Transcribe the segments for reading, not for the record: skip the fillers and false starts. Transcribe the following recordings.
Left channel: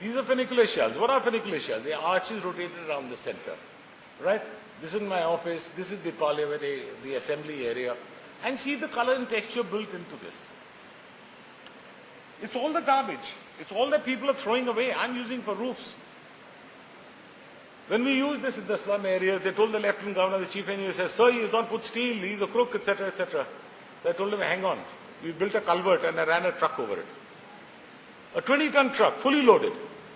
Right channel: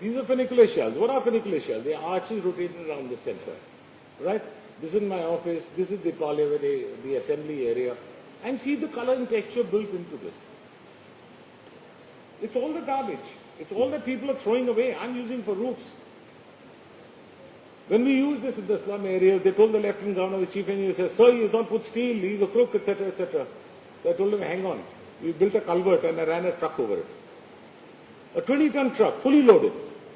These are funicular shells. What are funicular shells? They are arches rotated around the center, right? This is my office. This is the parlor, the assembly area. And see the color and texture built into this. It's all the garbage. It's all that people are throwing away. I'm using for roofs. When we use this in the slum areas, they told the Lieutenant Governor, the Chief Engineer says, sir, he has not put steel, he's a crook, etc., etc. So I told him, hang on. We built a culvert and I ran a truck over it. A 20-ton truck, fully loaded.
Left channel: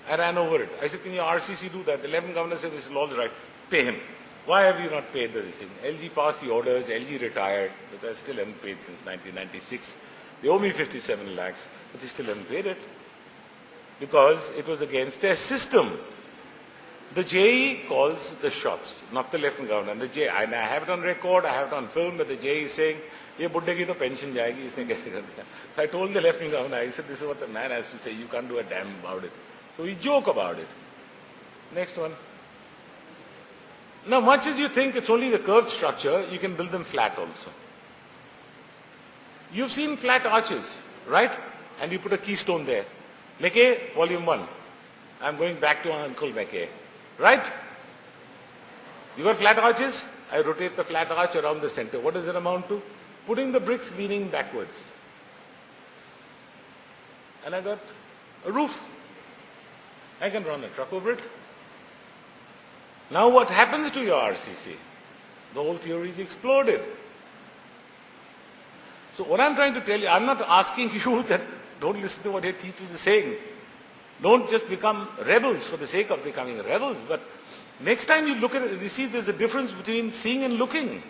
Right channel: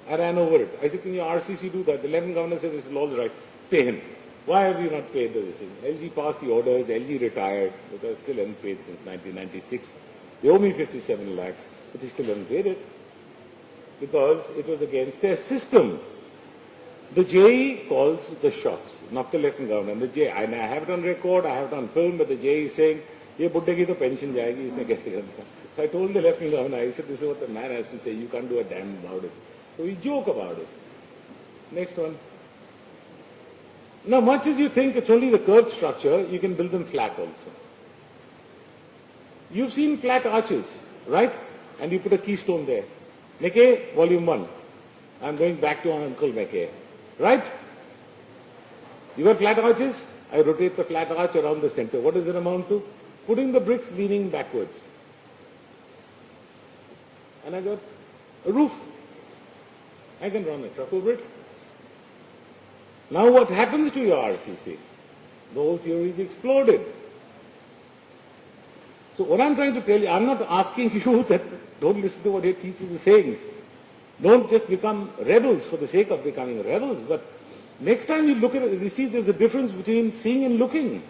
I ran over it. I said, can your RCC do that? The Lieutenant Governor said, this is all right. Pay him. Why have you not paid the thing? LG passed the orders, LG retired, but I still haven't paid since 1996. They owe me 57 lakhs, but they still haven't paid it. Because it was against their system. The JE calls the shots, not the Lieutenant Governor. And the JE, and I have it on record, I have it on film, but the JE is saying, ye buddhe ki to pension jayegi, isne kaise karna. So I told the Lieutenant Governor, I said, this is what the man has to say, you can't do a damn about it. So we joke about it. Next one. Now, much as you think it's only the curved structure, you can build them flat also. You've seen flat arches, right? And you put a keystone there. Mackay, volume 1. I'm going back to Uncle Mackay. Right? You got flat arches? I rotate the flat arch around the center. What does it amount to? Putting the bricks leaning backwards. And I got a roof. I can run a truck over it. Now what happens to your RCC? The whole theory is exploded. So what I'm trying to tell you, I'm not asking you that don't listen to what your teachers are saying. Don't just become rebels for the sake of becoming rebels. But next time you look at it, you see there's a difference between seeing and looking.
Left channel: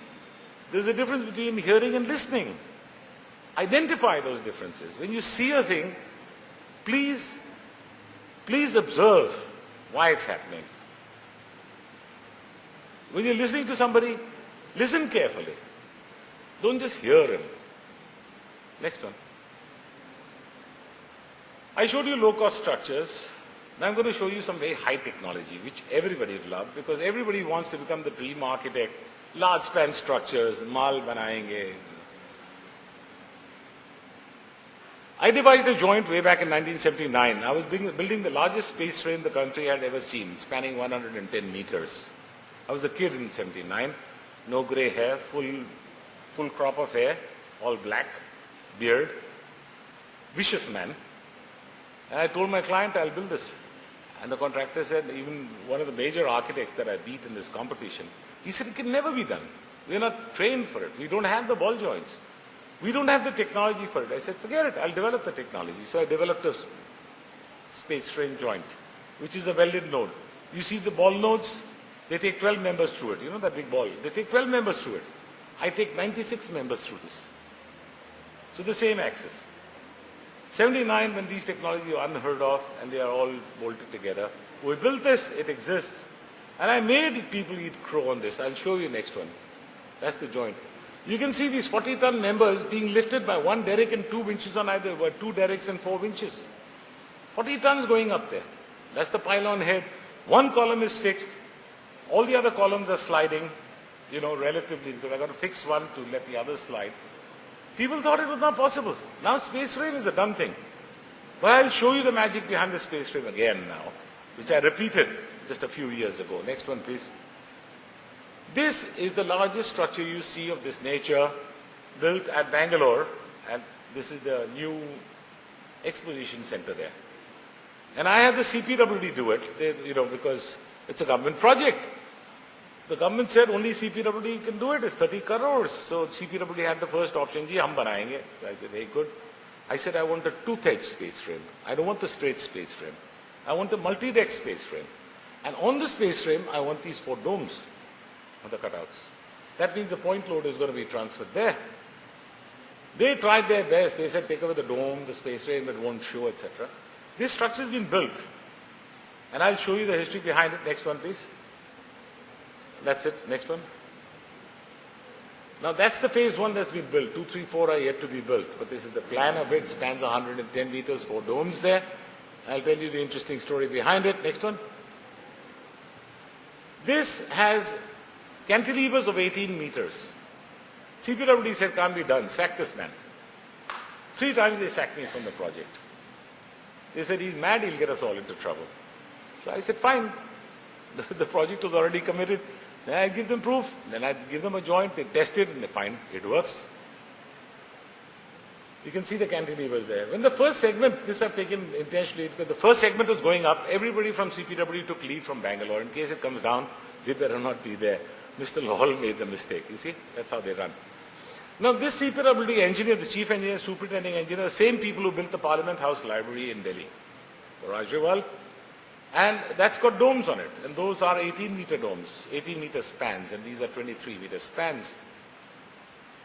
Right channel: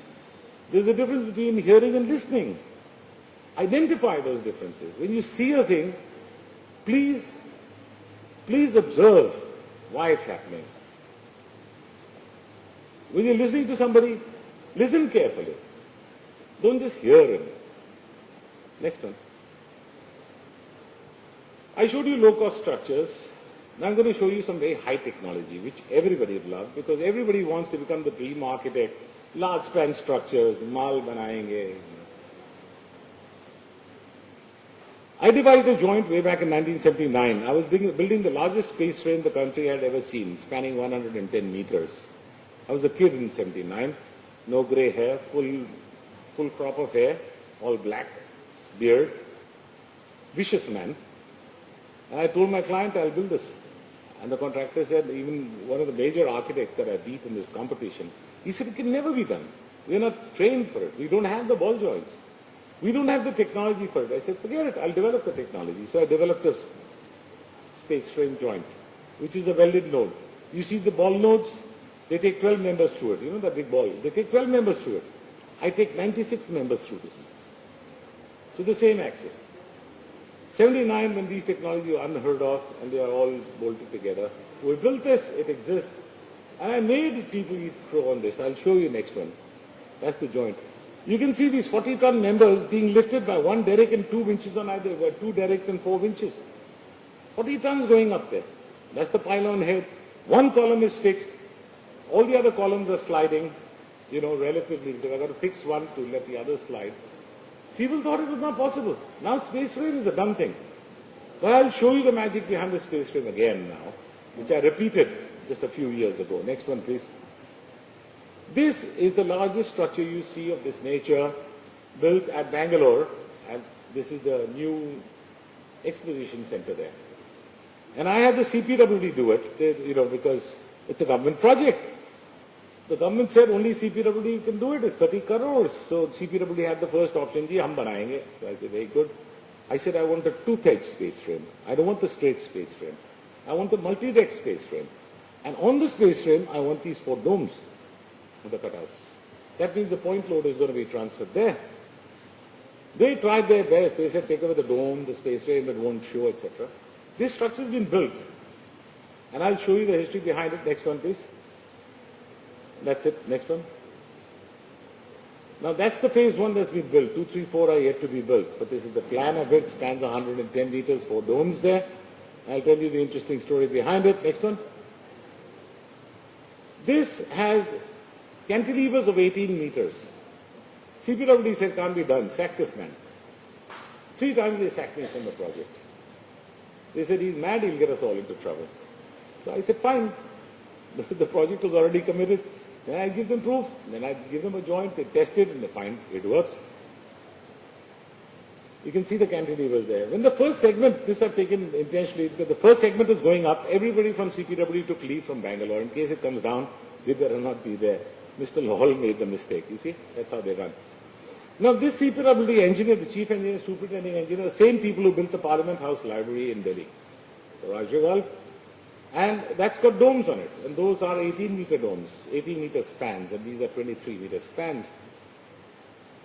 There's a difference between hearing and listening. Identify those differences. When you see a thing, please observe why it's happening. When you're listening to somebody, listen carefully. Don't just hear him. Next one. I showed you low-cost structures. Now I'm going to show you some very high technology, which everybody would love, because everybody wants to become the dream architect. Large span structures, mal banayenge. I devised a joint way back in 1979. I was building the largest space frame the country had ever seen, spanning 110 meters. I was a kid in 79, no gray hair, full crop of hair, all black, beard, vicious man. And I told my client, I'll build this. And the contractor said, even one of the major architects that I beat in this competition, he said, it can never be done. We're not trained for it. We don't have the ball joints. We don't have the technology for it. I said, forget it, I'll develop the technology. So I developed a space frame joint, which is a welded node. You see the ball nodes? They take 12 members through it. You know that big ball? They take 12 members through it. I take 96 members through this. So the same axis. 79, when these technologies are unheard of and they are all bolted together. We built this, it exists. And I made people eat crow on this. I'll show you next one. That's the joint. You can see these 40-ton members being lifted by one derrick and 2 winches on either, or 2 derricks and 4 winches. 40 tons going up there. That's the pylon head. One column is fixed. All the other columns are sliding, relatively, because I've got to fix one to let the other slide. People thought it was not possible. Now space frame is a done thing. But I'll show you the magic behind the space frame again now, which I repeated just a few years ago. Next one, please. This is the largest structure you see of this nature built at Bangalore, and this is the new exposition center there. And I had the CPWD do it, because it's a government project. The government said only CPWD can do it. It's 30 crores. So CPWD had the first option. Ji, hum banayenge. So I said, very good. I said, I want a tooth-edge space frame. I don't want the straight space frame. I want a multi-deck space frame. And on the space frame, I want these 4 domes on the cutouts. That means the point load is going to be transferred there. They tried their best. They said, take away the dome, the space frame, it won't show, etc. This structure has been built. And I'll show you the history behind it. Next one, please. That's it. Next one. Now that's the phase 1 that's been built. 2, 3, 4 are yet to be built. But this is the plan of it. Spans 110 meters, 4 domes there. I'll tell you the interesting story behind it. Next one. This has cantilevers of 18 meters. CPWD said can't be done. Sack this man. 3 times they sacked me from the project. They said, he's mad, he'll get us all into trouble. So I said, fine. The project was already committed. Then I give them proof. Then I give them a joint, they test it, and they find it works. You can see the cantilevers there. When the first segment, this I've taken intentionally, because the first segment was going up, everybody from CPW took leave from Bangalore. In case it comes down, you better not be there. Mr. Lawal made the mistake. You see, that's how they run. Now this CPWD engineer, the chief engineer, superintending engineer, the same people who built the Parliament House Library in Delhi, Rajawal, and that's got domes on it. And those are 18-meter domes, 18-meter spans, and these are 23-meter spans.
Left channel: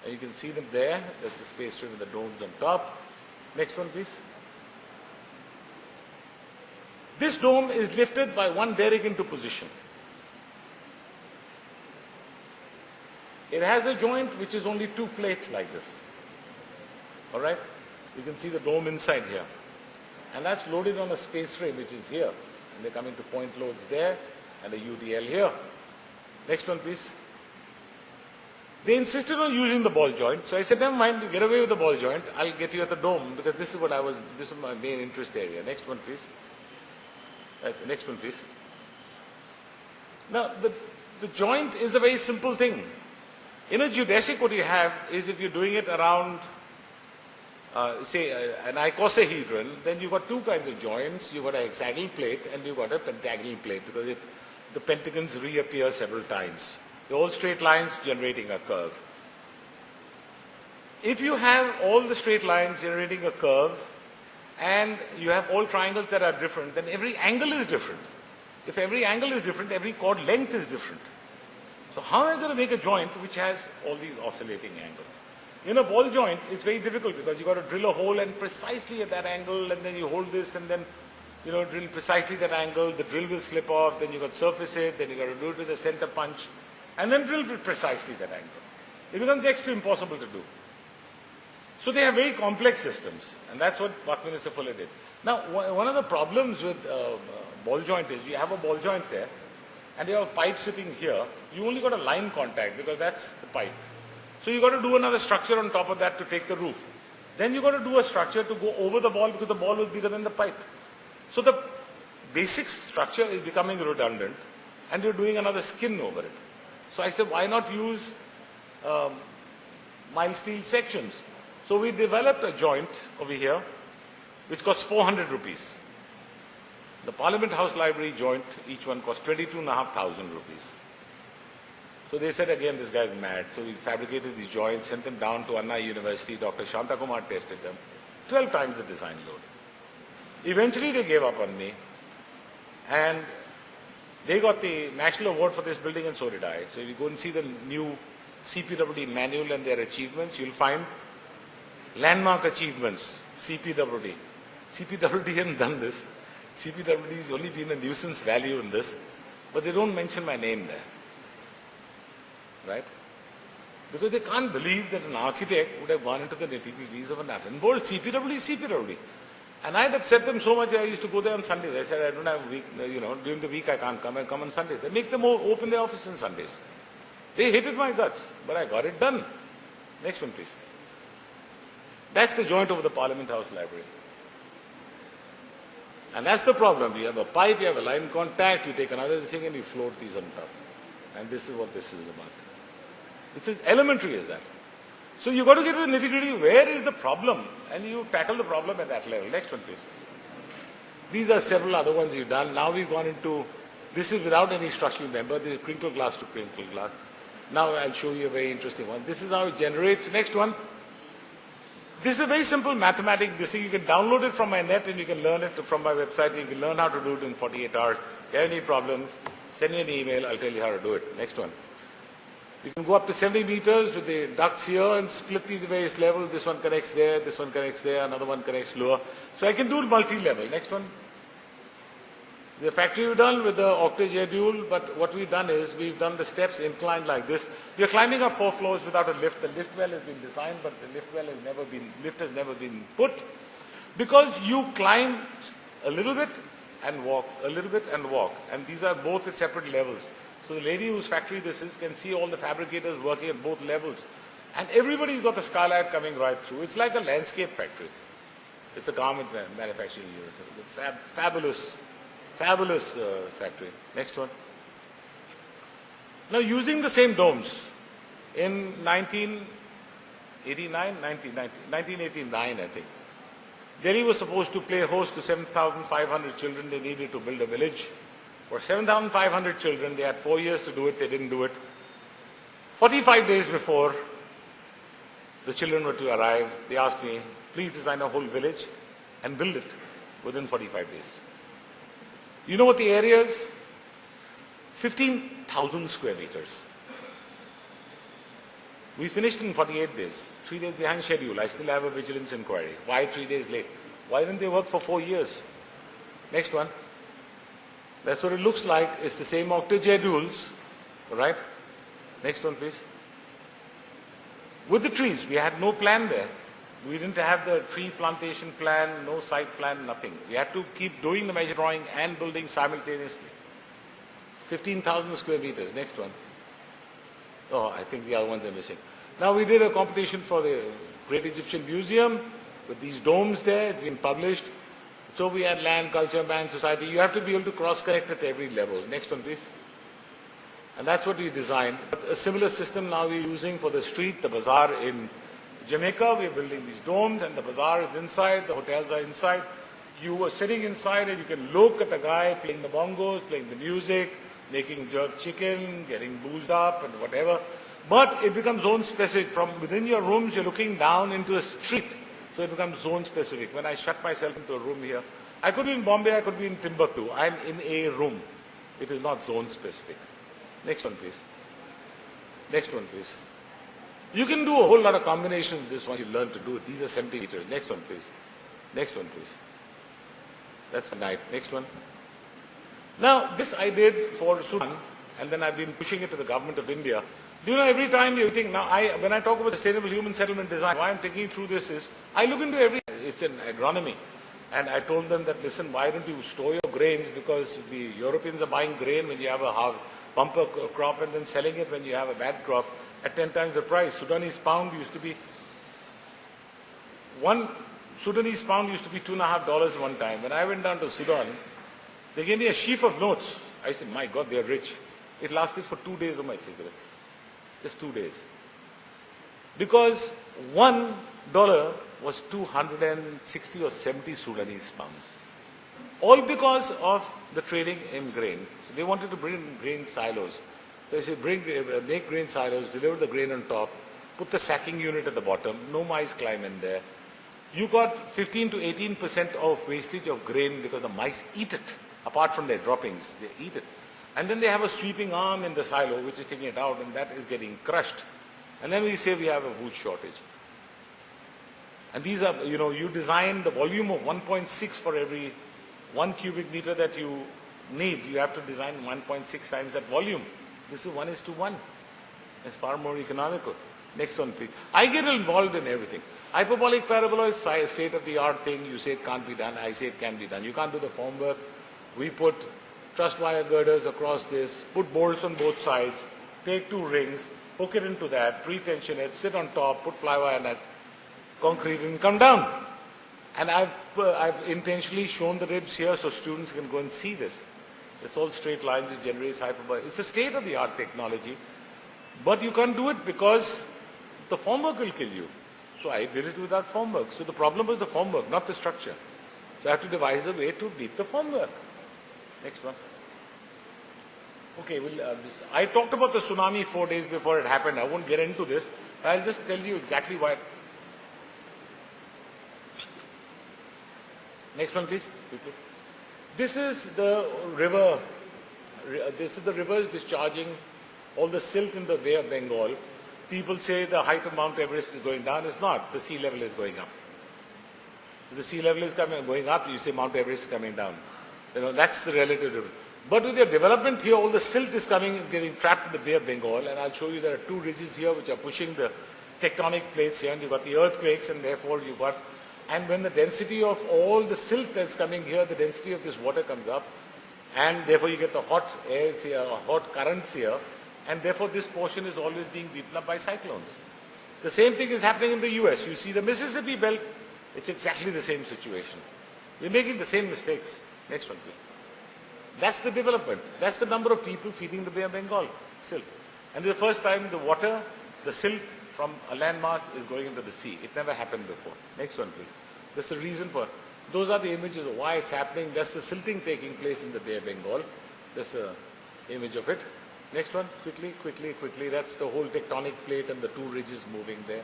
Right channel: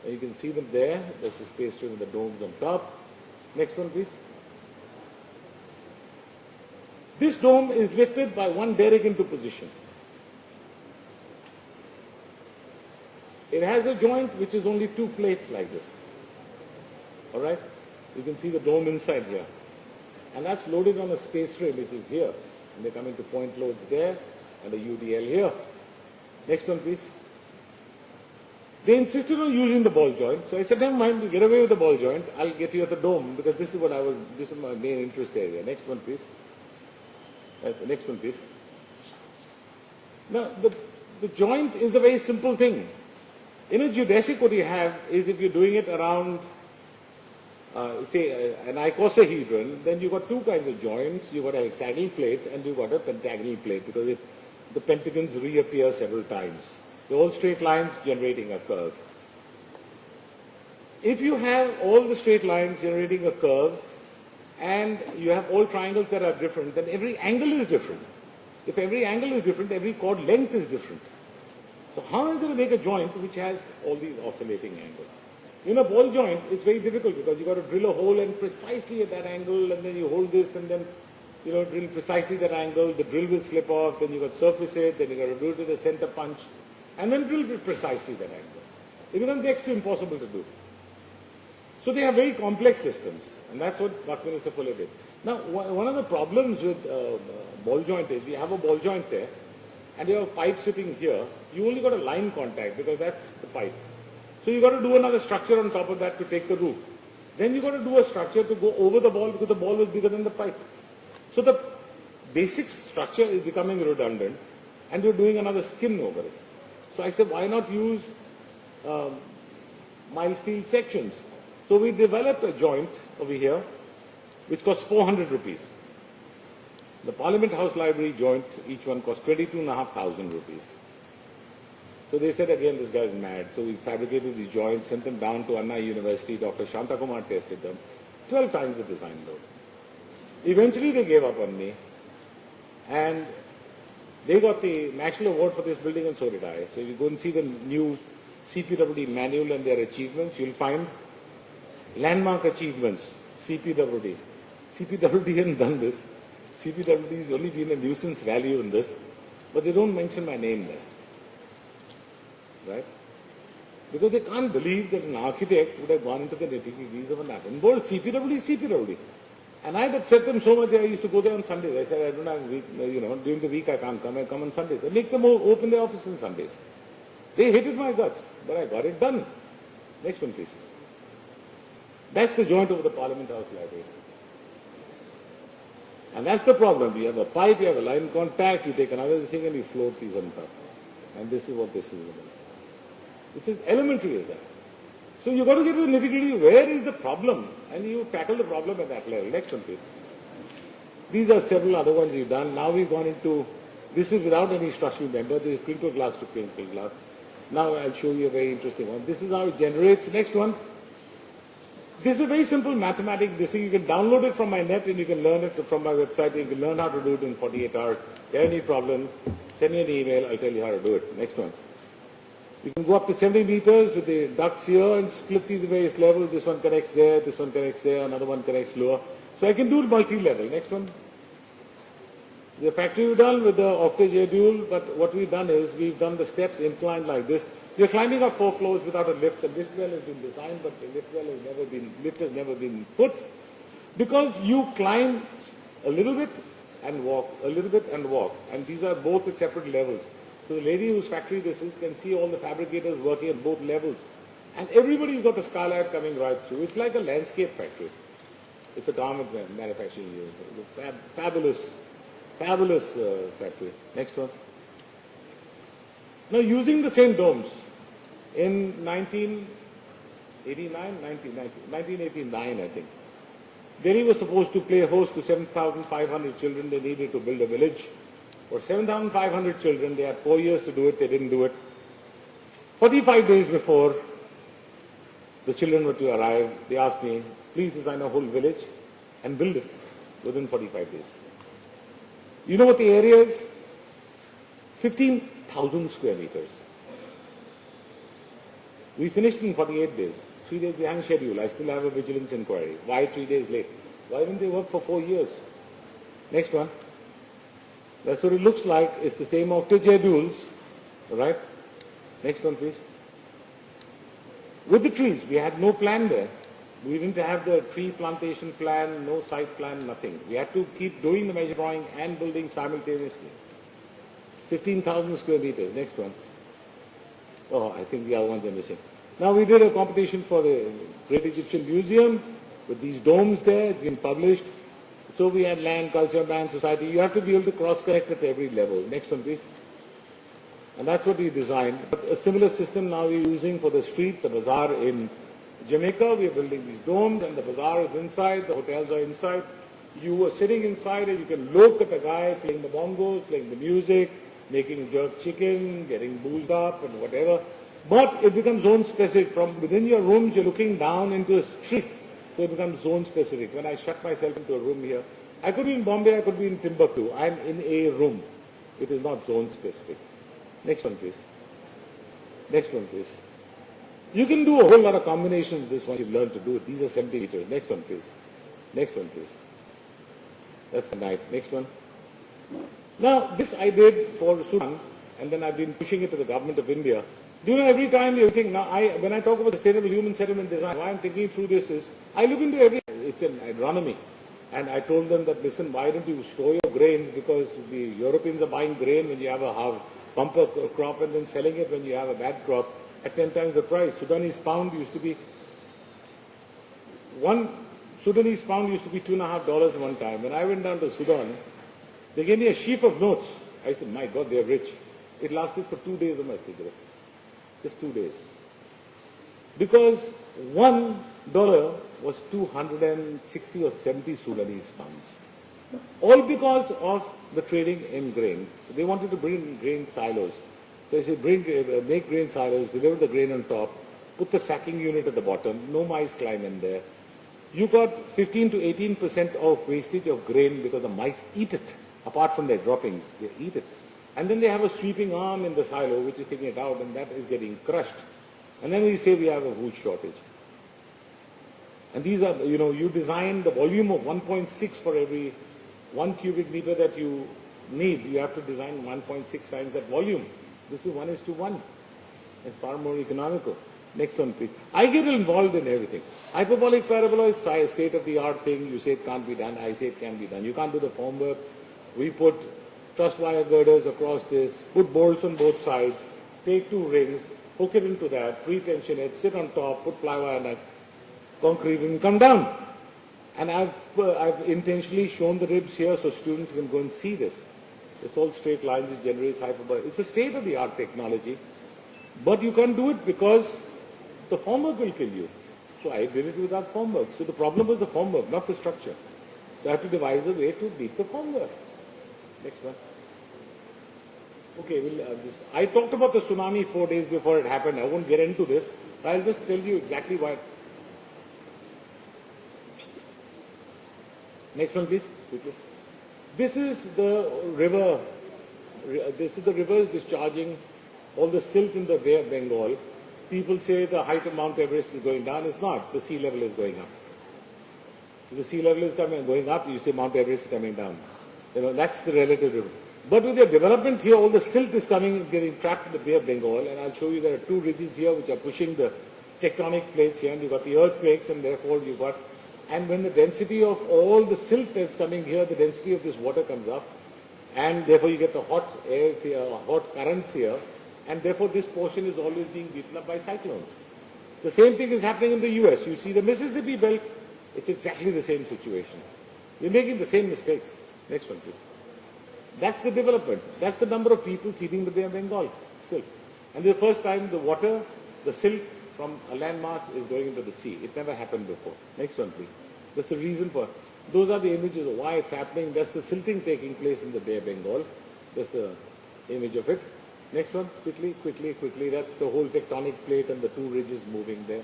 And you can see them there. There's the space trim with the domes on top. Next one, please. This dome is lifted by one derrick into position. It has a joint which is only two plates like this. All right? You can see the dome inside here. And that's loaded on a space frame which is here. And they come into point loads there and a UDL here. Next one, please. They insisted on using the ball joint. So I said, never mind, you get away with the ball joint. I'll get you at the dome because this is my main interest area. Next one, please. Right, next one, please. Now, the joint is a very simple thing. In a geodesic, what you have is if you're doing it around, say, an icosahedron, then you've got two kinds of joints. You've got a hexagonal plate and you've got a pentagonal plate because the pentagons reappear several times. The whole straight lines generating a curve. If you have all the straight lines generating a curve and you have all triangles that are different, then every angle is different. If every angle is different, every chord length is different. So how is it to make a joint which has all these oscillating angles? In a ball joint, it's very difficult because you've got to drill a hole and precisely at that angle, and then you hold this and then drill precisely that angle, the drill will slip off, then you've got to surface it, then you've got to do it with a center punch, and then drill precisely that angle. It becomes next to impossible to do. So they have very complex systems, and that's what Buckminster Fuller did. Now, one of the problems with ball joint is you have a ball joint there, and you have a pipe sitting here. You only got a line contact because that's the pipe. So you got to do another structure on top of that to take the roof. Then you got to do a structure to go over the ball because the ball was bigger than the pipe. So the basic structure is becoming redundant, and you're doing another skin over it. So I said, why not use mild steel sections? So we developed a joint over here, which costs 400 rupees. The Parliament House Library joint, each one costs 22,500 rupees. So they said, again, this guy's mad. So we fabricated these joints, sent them down to Anna University. Dr. Shanta Kumar tested them. 12 times the design load. Eventually they gave up on me. And they got the National Award for this building, and so did I. So if you go and see the new CPWD manual and their achievements, you'll find landmark achievements, CPWD. CPWD hasn't done this. CPWD has only been a nuisance value in this, but they don't mention my name there. Right? Because they can't believe that an architect would have gone into the nitty-gritties of an atom bolt. CPWD is CPWD. And I had upset them so much, I used to go there on Sundays. I said, I don't have a week, during the week I can't come, I come on Sundays. They make them open their office on Sundays. They hated my guts, but I got it done. Next one, please. That's the joint over the Parliament House Library. And that's the problem. You have a pipe, you have a line contact, you take another thing and you float these on top. And this is what this is about. It's as elementary as that. So you've got to get to the nitty-gritty. Where is the problem? And you tackle the problem at that level. Next one, please. These are several other ones you've done. Now we've gone into, this is without any structural member. This is crinkle glass to crinkle glass. Now I'll show you a very interesting one. This is how it generates. Next one. This is a very simple mathematics. This thing, you can download it from my net and you can learn it from my website. You can learn how to do it in 48 hours. If you have any problems, send me an email. I'll tell you how to do it. Next one. You can go up to 70 meters with the ducts here and split these various levels. This one connects there, this one connects there, another one connects lower. So I can do it multi-level. Next one. The factory we've done with the octa dual, but what we've done is we've done the steps inclined like this. We're climbing up 4 floors without a lift. The lift well has been designed, but the lift has never been put. Because you climb a little bit and walk, a little bit and walk. And these are both at separate levels. So the lady whose factory this is can see all the fabricators working at both levels. And everybody's got the skylight coming right through. It's like a landscape factory. It's a garment manufacturing unit. It's a fabulous factory. Next one. Now, using the same domes, in 1989, I think, Delhi was supposed to play host to 7,500 children. They needed to build a village. For 7,500 children, they had 4 years to do it. They didn't do it. 45 days before the children were to arrive, they asked me, please design a whole village and build it within 45 days. You know what the area is? 15,000 square meters. We finished in 48 days, 3 days behind schedule. I still have a vigilance inquiry. Why 3 days late? Why didn't they work for 4 years? Next one. That's what it looks like. It's the same octagedules, right? Next one, please. With the trees, we had no plan there. We didn't have the tree plantation plan, no site plan, nothing. We had to keep doing the measure drawing and building simultaneously. 15,000 square meters. Next one. Oh, I think the other ones are missing. Now we did a competition for the Great Egyptian Museum with these domes there. It's been published. So we had land, culture, man, society. You have to be able to cross-connect at every level. Next one, please. And that's what we designed. A similar system now we're using for the street, the bazaar in Jamaica. We're building these domes and the bazaar is inside, the hotels are inside. You are sitting inside and you can look at the guy playing the bongos, playing the music, making jerk chicken, getting boozed up and whatever. But it becomes zone specific. From within your rooms, you're looking down into a street. So it becomes zone specific. When I shut myself into a room here, I could be in Bombay, I could be in Timbuktu. I'm in a room. It is not zone specific. Next one, please. Next one, please. You can do a whole lot of combinations with this once you learn to do it. These are 70 meters. Next one, please. Next one, please. That's my knife. Next one. Now, this I did for Sudan, and then I've been pushing it to the government of India. Do you know, every time you think, now when I talk about sustainable human settlement design, why I'm thinking through this is, I look into it's an agronomy. And I told them that, listen, why don't you store your grains, because the Europeans are buying grain when you have a bumper crop and then selling it when you have a bad crop at 10 times the price. Sudanese pound used to be $2.50 one time. When I went down to Sudan, they gave me a sheaf of notes. I said, my God, they're rich. It lasted for 2 days of my cigarettes. Just 2 days. Because $1 was 260 or 70 Sudanese pounds. All because of the trading in grain. So they wanted to bring grain silos. So I said, make grain silos, deliver the grain on top, put the sacking unit at the bottom, no mice climb in there. You got 15 to 18% of wastage of grain because the mice eat it. Apart from their droppings, they eat it. And then they have a sweeping arm in the silo which is taking it out, and that is getting crushed. And then we say we have a food shortage. And these are, you design the volume of 1.6 for every 1 cubic meter that you need. You have to design 1.6 times that volume. This is 1:1. It's far more economical. Next one, please. I get involved in everything. Hyperbolic parabola is a state-of-the-art thing. You say it can't be done. I say it can be done. You can't do the formwork. We put truss wire girders across this, put bolts on both sides, take 2 rings, hook it into that, pre-tension it, sit on top, put fly wire net, concrete, and come down. And I've intentionally shown the ribs here so students can go and see this. It's all straight lines, it generates hyperbolic. It's a state-of-the-art technology, but you can't do it because the formwork will kill you. So I did it without formwork. So the problem was the formwork, not the structure. So I have to devise a way to beat the formwork. Next one. Okay, I talked about the tsunami 4 days before it happened. I won't get into this. I'll just tell you exactly why. Next one, please. Quickly. This is the river. This is the rivers discharging all the silt in the Bay of Bengal. People say the height of Mount Everest is going down. It's not. The sea level is going up. If the sea level is going up, you say Mount Everest is coming down. That's the relative difference. But with the development here, all the silt is getting trapped in the Bay of Bengal, and I'll show you there are 2 ridges here which are pushing the tectonic plates here, and you've got the earthquakes, and therefore you've got, and when the density of all the silt that's coming here, the density of this water comes up, and therefore you get the hot air here, hot currents here, and therefore this portion is always being beaten up by cyclones. The same thing is happening in the US. You see the Mississippi belt It's exactly the same situation. We're making the same mistakes. Next one, please. That's the development. That's the number of people feeding the Bay of Bengal silt. And the first time the water, the silt from a landmass is going into the sea. It never happened before. Next one, please. That's the reason for, those are the images of why it's happening. That's the silting taking place in the Bay of Bengal. That's the image of it. Next one, quickly, quickly, quickly. That's the whole tectonic plate and the two ridges moving there.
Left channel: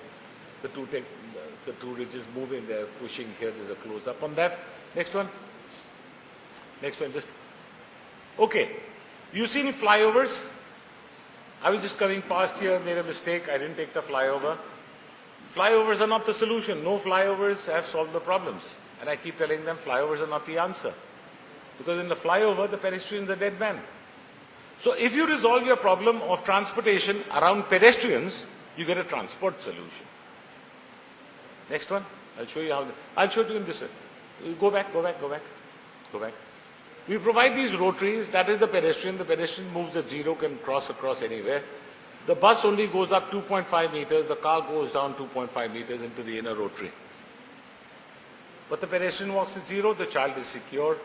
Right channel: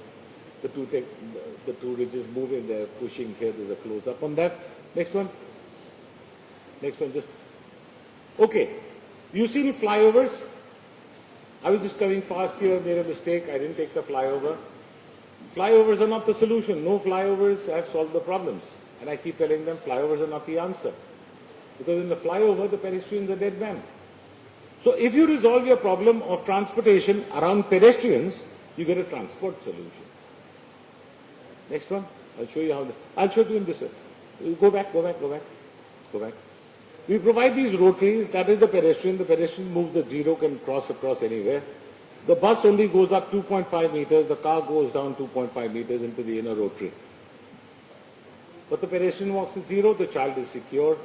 The two ridges moving there, pushing here. There's a close-up on that. Next one. Next one, just, okay. You see any flyovers? I was just coming past here, made a mistake. I didn't take the flyover. Flyovers are not the solution. No flyovers have solved the problems. And I keep telling them flyovers are not the answer. Because in the flyover, the pedestrian is a dead man. So if you resolve your problem of transportation around pedestrians, you get a transport solution. Next one. I'll show you how. I'll show it to you in this way. Go back, go back, go back, go back. We provide these rotaries. That is the pedestrian. The pedestrian moves at zero, can cross across anywhere. The bus only goes up 2.5 meters. The car goes down 2.5 meters into the inner rotary. But the pedestrian walks at zero. The child is secure.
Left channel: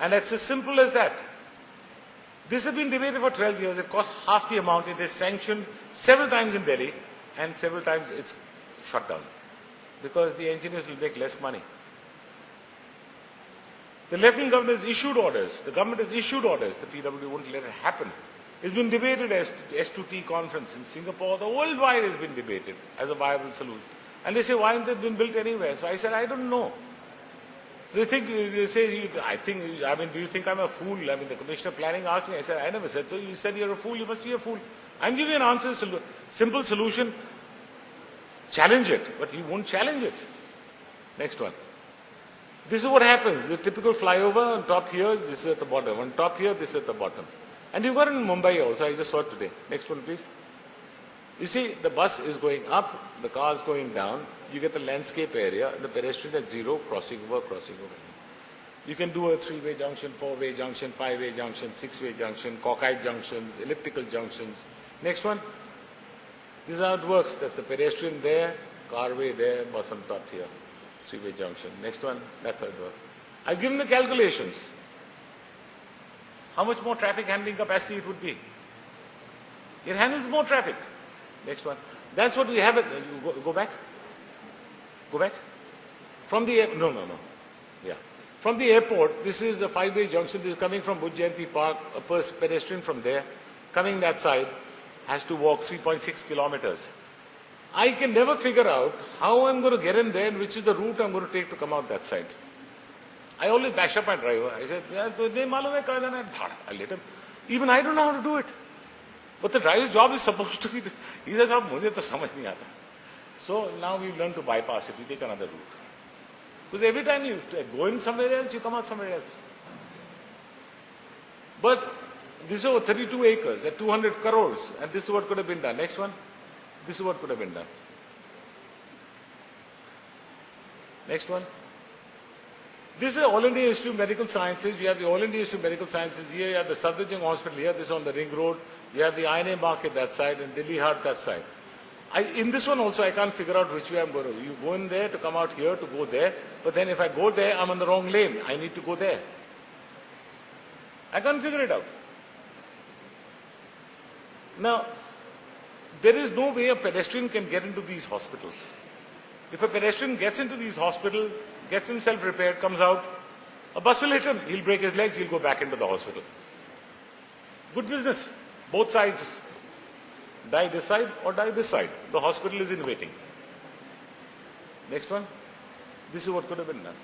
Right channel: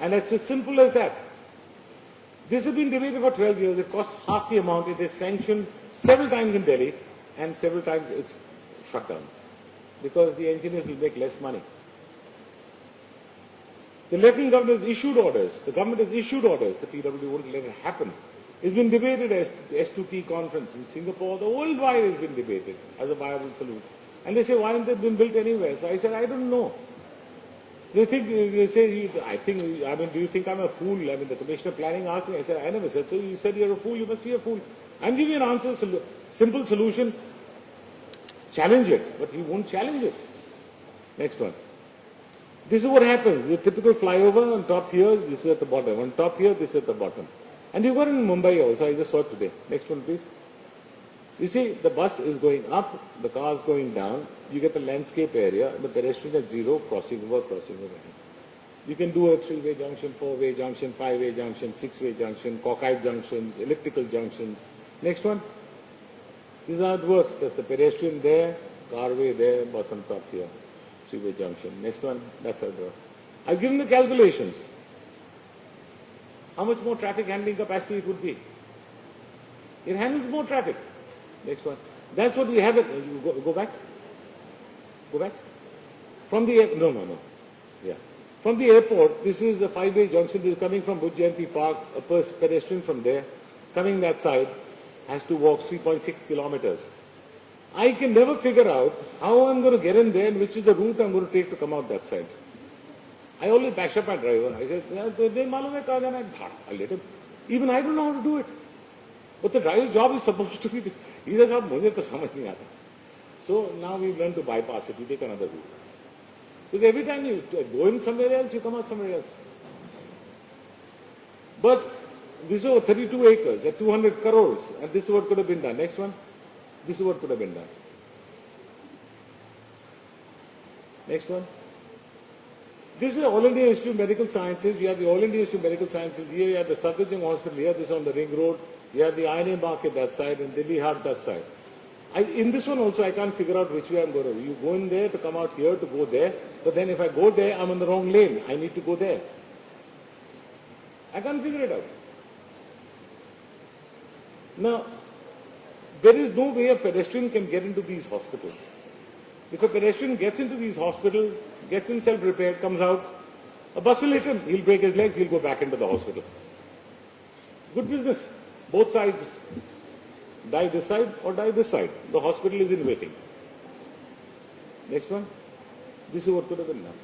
And it's as simple as that. This has been debated for 12 years. It costs half the amount. It is sanctioned several times in Delhi, and several times it's shut down because the engineers will make less money. The Lieutenant Governor has issued orders. The government has issued orders. The PW won't let it happen. It's been debated as S2T conference in Singapore. The worldwide has been debated as a viable solution. And they say, why haven't they been built anywhere? So I said, I don't know. They say, do you think I'm a fool? I mean, the Commissioner of Planning asked me. I said, I never said so. You said you're a fool. You must be a fool. I'm giving you an answer, simple solution. Challenge it, but he won't challenge it. Next one. This is what happens. The typical flyover on top here, this is at the bottom. On top here, this is at the bottom. And you've got it in Mumbai also. I just saw it today. Next one, please. You see, the bus is going up, the car is going down. You get the landscape area, the pedestrian at zero, crossing over, crossing over. You can do a 3-way junction, 4-way junction, 5-way junction, 6-way junction, cockeye junctions, elliptical junctions. Next one. This is how it works. That's the pedestrian there, carway there, bus on top here. 3-way junction. Next one. That's how it works. I've given the calculations. How much more traffic handling capacity it would be. It handles more traffic. Next one. That's what we have it. Go back. Go back. From the no. Yeah. From the airport, this is a 5-way junction. This is coming from Bhuj Jayanti Park. A pedestrian from there, coming that side, has to walk 3.6 kilometers. I can never figure out how I'm going to get in there and which is the route I'm going to take to come out that side. I always bash up my driver. I said, I let him. Even I don't know how to do it. But the driver's job is supposed to be, he says, mujhe to samajh nahi aata. So now we've learned to bypass it. We take another route. Because every time you go in somewhere else, you come out somewhere else. But this is over 32 acres at 200 crores. And this is what could have been done. Next one. This is what could have been done. Next one. This is All India Institute of Medical Sciences. You have the All India Institute of Medical Sciences here. You have the Safdarjung Hospital here. This is on the ring road. You have the INA market that side and Delhi Heart that side. In this one also, I can't figure out which way I'm going to. You go in there to come out here to go there. But then if I go there, I'm on the wrong lane. I need to go there. I can't figure it out. Now, there is no way a pedestrian can get into these hospitals. If a pedestrian gets into these hospitals, gets himself repaired, comes out, a bus will hit him. He'll break his legs, he'll go back into the hospital. Good business. Both sides. Die this side or die this side. The hospital is in waiting. Next one. This is what could have been done.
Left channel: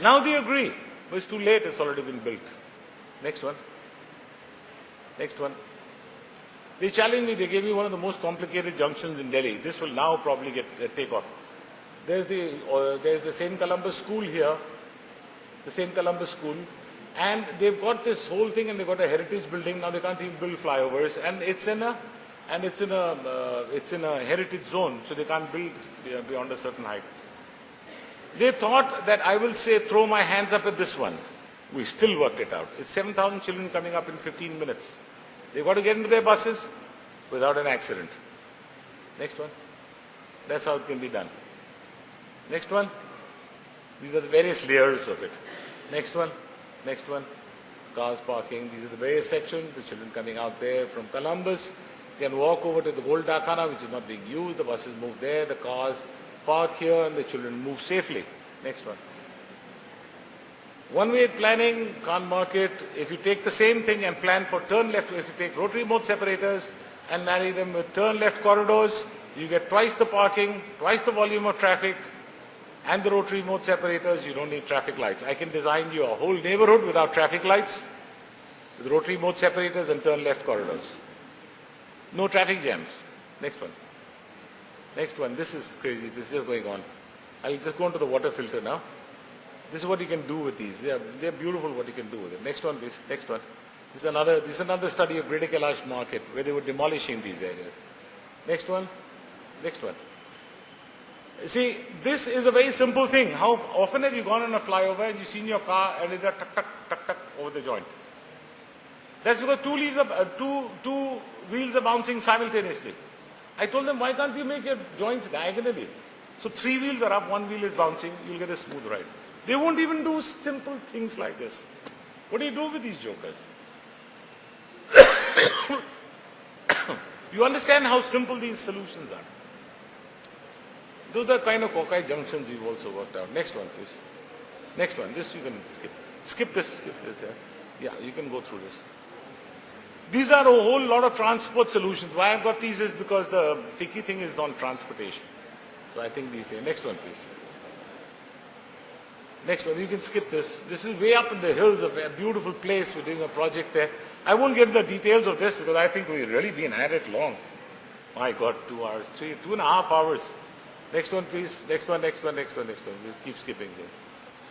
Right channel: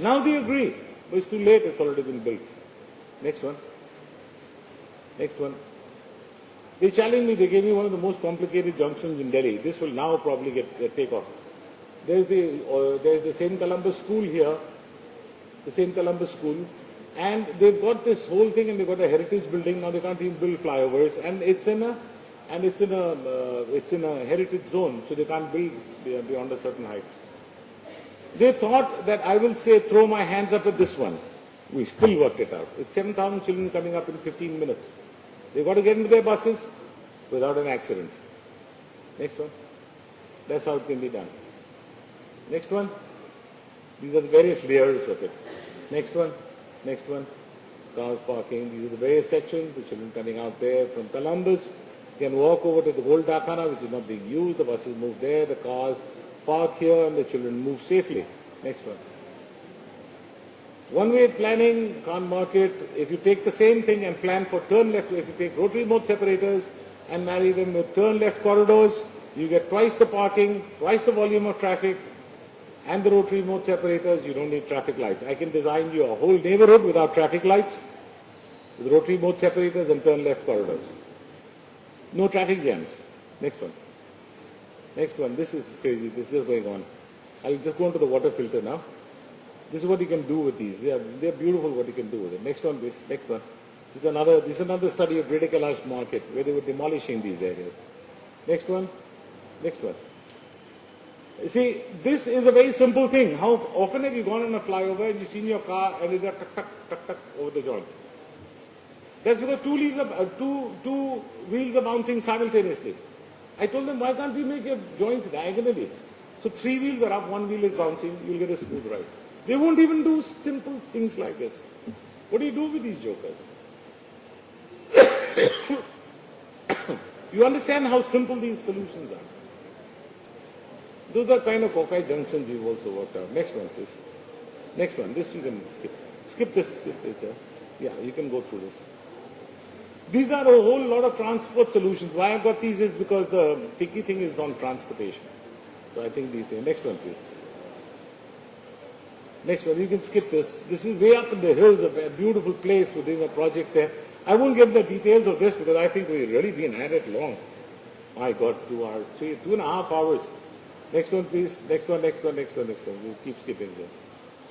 Now they agree. But it's too late. It's already been built. Next one. Next one. They challenged me. They gave me one of the most complicated junctions in Delhi. This will now probably take off. There's the St. Columbus School here. The St. Columbus School. And they've got this whole thing and they've got a heritage building. Now they can't even build flyovers. And it's in a heritage zone. So they can't build beyond a certain height. They thought that I will say, throw my hands up at this one. We still worked it out. It's 7,000 children coming up in 15 minutes. They've got to get into their buses without an accident. Next one. That's how it can be done. Next one. These are the various layers of it. Next one. Next one. Cars parking. These are the various sections. The children coming out there from Columbus. They can walk over to the Gold Dakana, which is not being used. The buses move there. The cars park here, and the children move safely. Next one. One-way planning, can't mark it. If you take the same thing and plan for turn left, if you take rotary mode separators and marry them with turn left corridors, you get twice the parking, twice the volume of traffic, and the rotary mode separators, you don't need traffic lights. I can design you a whole neighborhood without traffic lights, with rotary mode separators and turn left corridors. No traffic jams. Next one. Next one. This is crazy. This is going on. I'll just go into the water filter now. This is what you can do with these. They're beautiful what you can do with it. Next one, please. Next one. This is another study of Greater Kailash market where they were demolishing these areas. Next one. Next one. See, this is a very simple thing. How often have you gone on a flyover and you've seen your car and it's a tuck, tuck, tuck, tuck over the joint? That's because two wheels are bouncing simultaneously. I told them, why can't you make your joints diagonally? So 3 wheels are up, 1 wheel is bouncing, you'll get a smooth ride. They won't even do simple things like this. What do you do with these jokers? You understand how simple these solutions are. Those are kind of Kokai junctions we've also worked out. Next one, please. Next one. This you can skip. Skip this. Yeah, you can go through this. These are a whole lot of transport solutions. Why I've got these is because the tricky thing is on transportation. So I think these things. Next one, please. Next one, you can skip this. This is way up in the hills of a beautiful place. We're doing a project there. I won't get the details of this because I think we've really been at it long. My God, 2 hours, 2.5 hours. Next one, please. Next one. Just keep skipping there.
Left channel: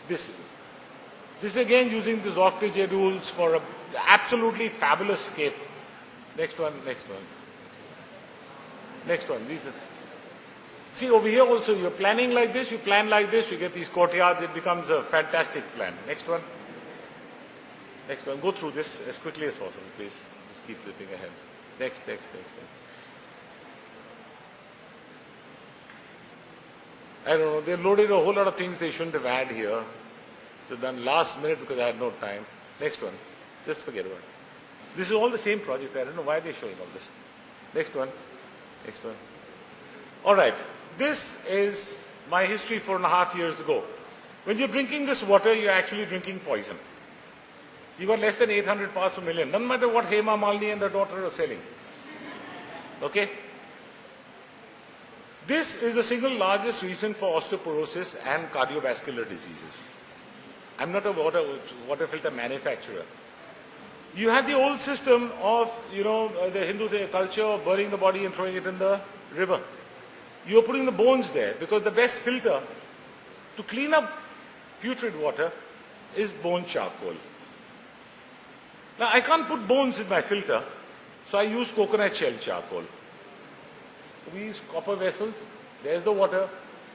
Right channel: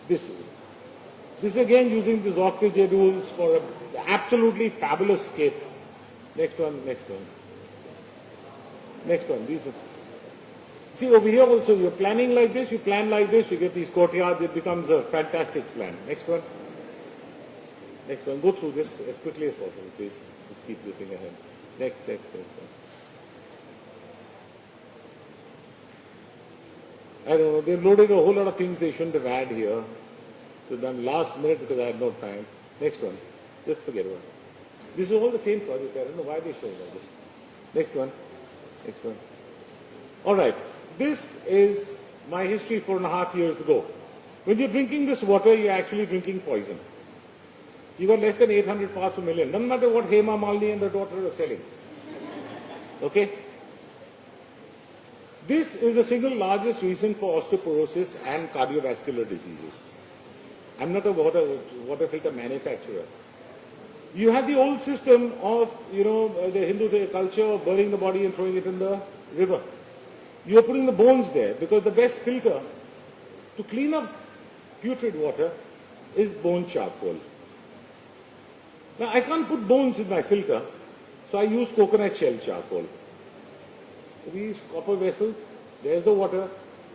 This again using these octa-J rules for an absolutely fabulous scape. Next one. These are. See, over here also, you're planning like this, you plan like this, you get these courtyards, it becomes a fantastic plan. Next one. Go through this as quickly as possible, please. Just keep zipping ahead. Next. I don't know, they loaded a whole lot of things they shouldn't have had here. So done last minute because I had no time. Next one. Just forget about it. This is all the same project. I don't know why they're showing all this. Next one. All right. This is my history 4.5 years ago. When you're drinking this water, you're actually drinking poison. You got less than 800 parts per million. Doesn't matter what Hema Malini and her daughter are selling. Okay? This is the single largest reason for osteoporosis and cardiovascular diseases. I'm not a water filter manufacturer. You had the old system of, the Hindu culture of burning the body and throwing it in the river. You are putting the bones there because the best filter to clean up putrid water is bone charcoal. Now I can't put bones in my filter, so I use coconut shell charcoal. We use copper vessels, there's the water,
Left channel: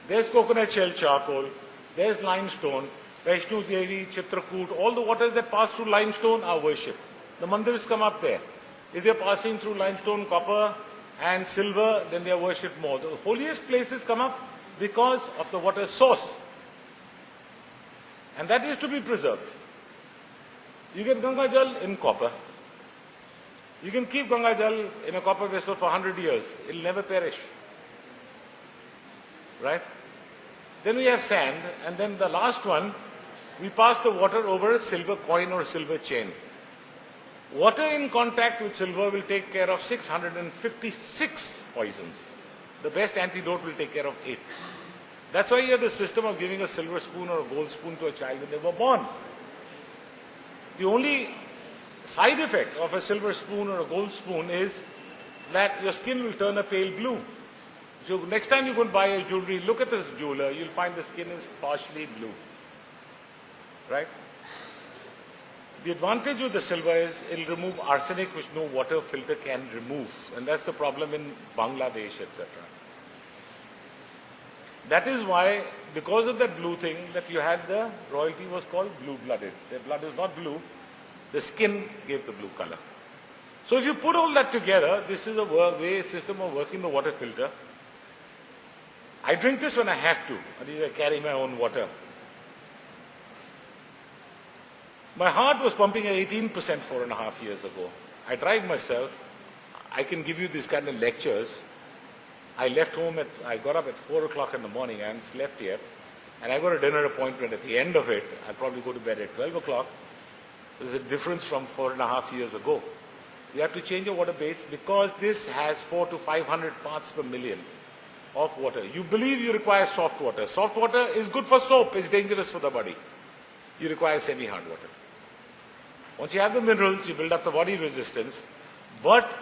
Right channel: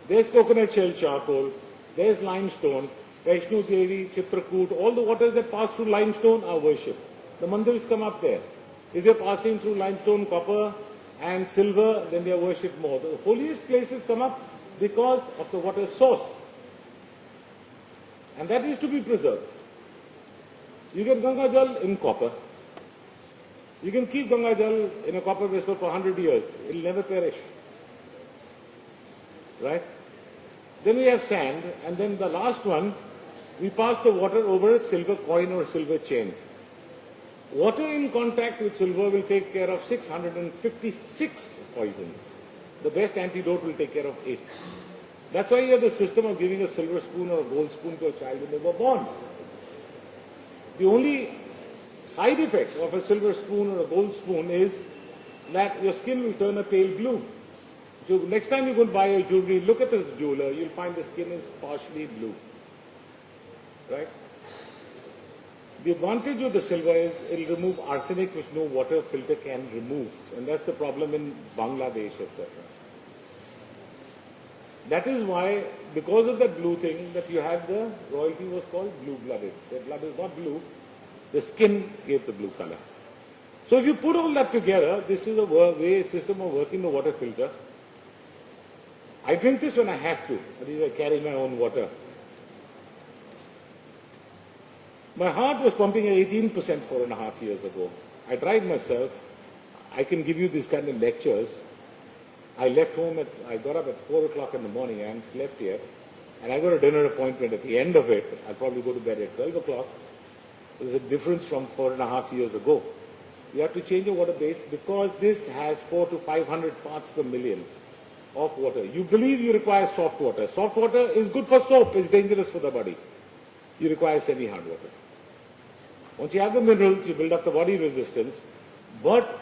there's coconut shell charcoal, there's limestone, Vaishnu Devi, Chitrakoot, all the waters that pass through limestone are worshipped. The mandirs come up there. If they're passing through limestone, copper and silver, then they are worshipped more. The holiest places come up because of the water source. And that is to be preserved. You get Ganga Jal in copper. You can keep Ganga Jal in a copper vessel for 100 years. It will never perish. Right? Then we have sand, and then the last one, we pass the water over a silver coin or a silver chain. Water in contact with silver will take care of 656 poisons. The best antidote will take care of 8. That's why you have the system of giving a silver spoon or a gold spoon to a child when they were born. The only side effect of a silver spoon or a gold spoon is that your skin will turn a pale blue. So next time you go and buy a jewelry, look at this jeweler, you'll find the skin is partially blue. Right? The advantage of the silver is it'll remove arsenic which no water filter can remove. And that's the problem in Bangladesh, etc. That is why, because of that blue thing, that you had the royalty was called blue-blooded. Their blood is not blue, the skin gave the blue color. So if you put all that together, this is a system of working the water filter. I drink this when I have to. I carry my own water. My heart was pumping at 18% 4.5 years ago. I drive myself. I can give you these kind of lectures. I got up at 4 o'clock in the morning. I haven't slept yet. And I got a dinner appointment at the end of it. I'll probably go to bed at 12 o'clock. There's a difference from 4.5 years ago. You have to change your water base because this has 400 to 500 parts per million of water. You believe you require soft water. Soft water is good for soap. It's dangerous for the body. You require semi-hard water. Once you have the minerals, you build up the body resistance. But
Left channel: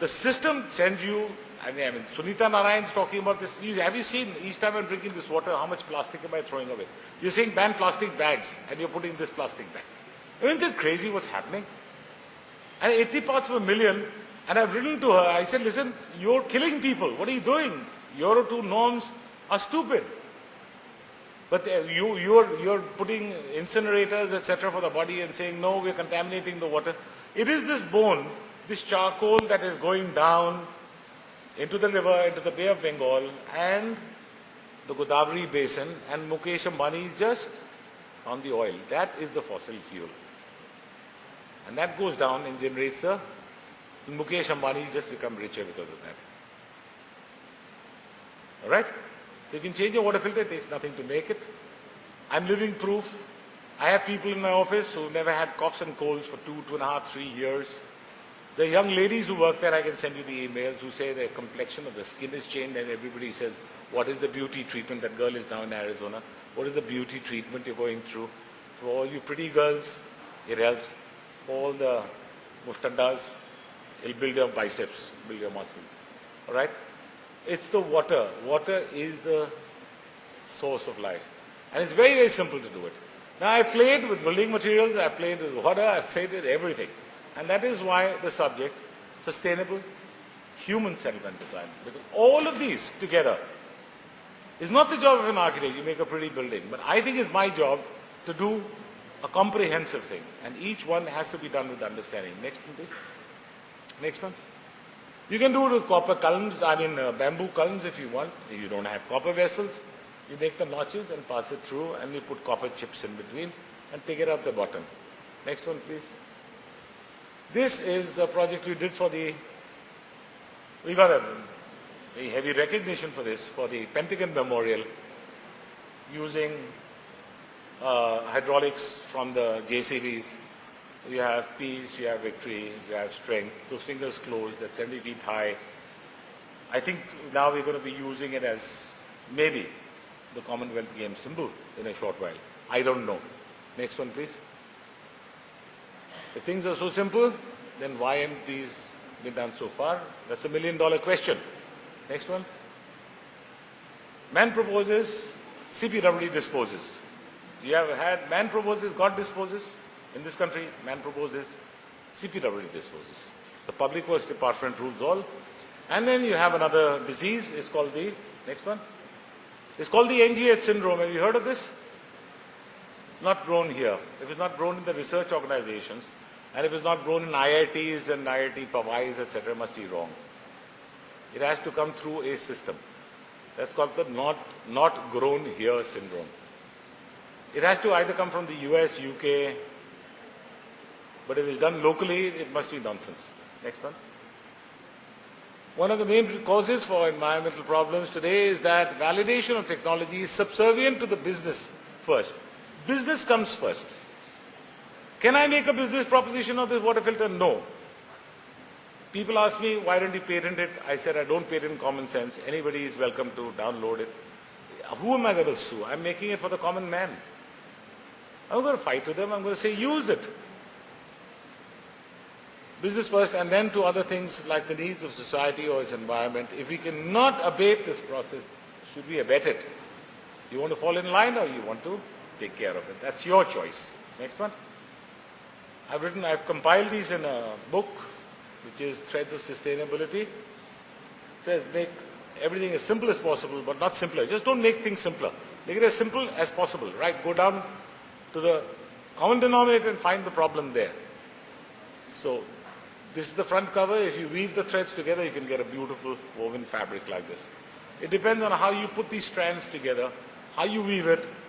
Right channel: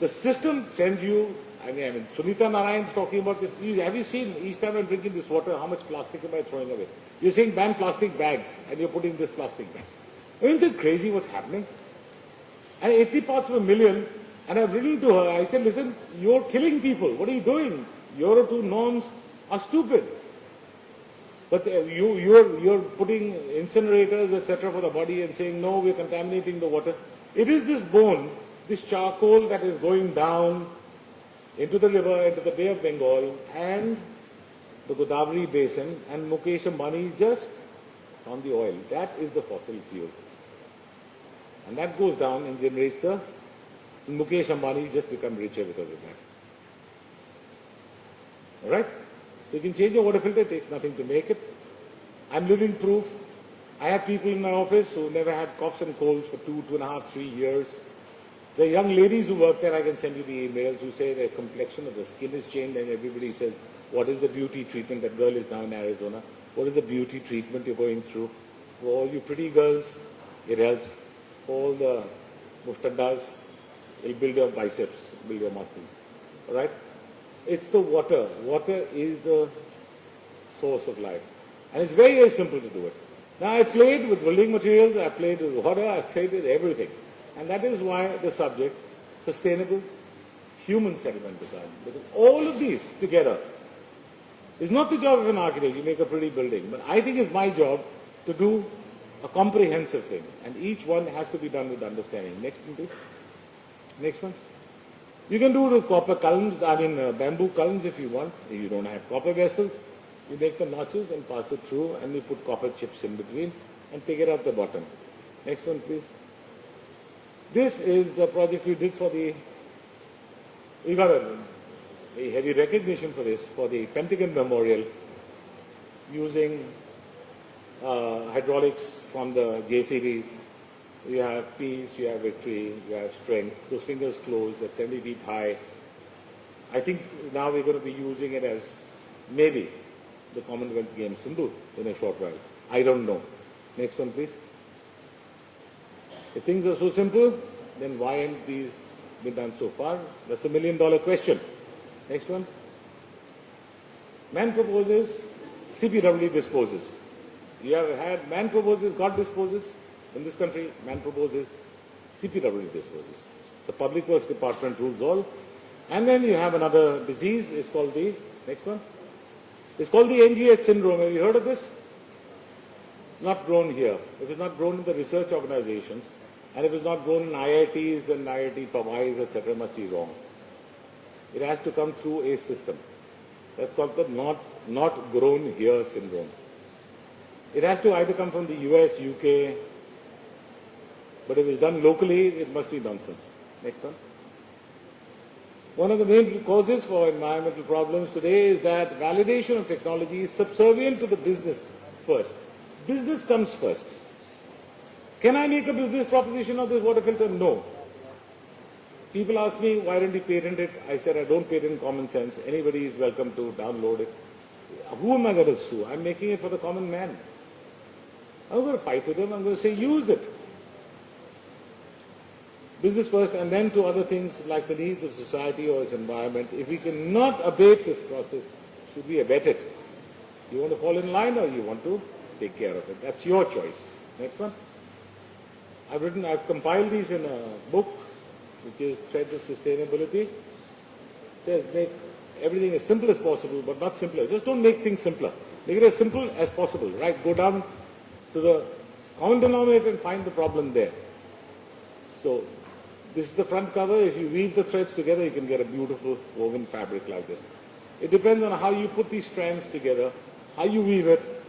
the system sends you, I mean Sunita Narayan is talking about this. Have you seen, each time I'm drinking this water, how much plastic am I throwing away? You're saying ban plastic bags and you're putting this plastic bag. Isn't it crazy what's happening? And 80 parts per million, and I've written to her, I said, listen, you're killing people. What are you doing? Euro 2 norms are stupid. But you're putting incinerators, etc. for the body and saying, no, we're contaminating the water. It is this bone, this charcoal that is going down into the river, into the Bay of Bengal and the Godavari basin, and Mukesh Ambani is just on the oil. That is the fossil fuel. And that goes down and generates and Mukesh Ambani has just become richer because of that. All right? So you can change your water filter, it takes nothing to make it. I'm living proof. I have people in my office who never had coughs and colds for 2.5, 3 years. The young ladies who work there, I can send you the emails, who say their complexion of the skin is changed, and everybody says, what is the beauty treatment? That girl is now in Arizona. What is the beauty treatment you're going through? For all you pretty girls, it helps. For all the mustaddas, it'll build your biceps, build your muscles. All right? It's the water. Water is the source of life. And it's very, very simple to do it. Now, I've played with building materials, I've played with water, I've played with everything. And that is why the subject, sustainable human settlement design. Because all of these together is not the job of an architect. You make a pretty building. But I think it's my job to do a comprehensive thing. And each one has to be done with understanding. Next one, please. Next one. You can do it with copper columns, bamboo columns if you want. If you don't have copper vessels, you make the notches and pass it through, and you put copper chips in between and pick it up the bottom. Next one, please. This is a project we did we got a heavy recognition for this, for the Pentagon Memorial, using hydraulics from the JCBs. You have peace, you have victory, you have strength. Those fingers closed, that's 70 feet high. I think now we're going to be using it as maybe the Commonwealth Games symbol in a short while. I don't know. Next one, please. If things are so simple, then why haven't these been done so far? That's a $1 million question. Next one. Man proposes, CPWD disposes. You have had man proposes, God disposes. In this country, man proposes, CPWD disposes. The Public Works Department rules all. And then you have another disease, it's called next one. It's called the NGH syndrome. Have you heard of this? Not grown here. If it's not grown in the research organizations, and if it's not grown in IITs and IIT Pawais, etc., it must be wrong. It has to come through a system. That's called the not grown here syndrome. It has to either come from the US, UK, but if it's done locally, it must be nonsense. Next one. One of the main causes for environmental problems today is that validation of technology is subservient to the business first. Business comes first. Can I make a business proposition of this water filter? No. People ask me, why don't you patent it? I said, I don't patent common sense. Anybody is welcome to download it. Who am I going to sue? I'm making it for the common man. I'm not going to fight with them. I'm going to say, use it. Business first, and then to other things like the needs of society or its environment. If we cannot abate this process, should we abet it? You want to fall in line or you want to take care of it? That's your choice. Next one. I've compiled these in a book, which is Threads of Sustainability. It says make everything as simple as possible, but not simpler. Just don't make things simpler. Make it as simple as possible, right? Go down to the common denominator and find the problem there. So this is the front cover. If you weave the threads together, you can get a beautiful woven fabric like this. It depends on how you put these strands together, how you weave it,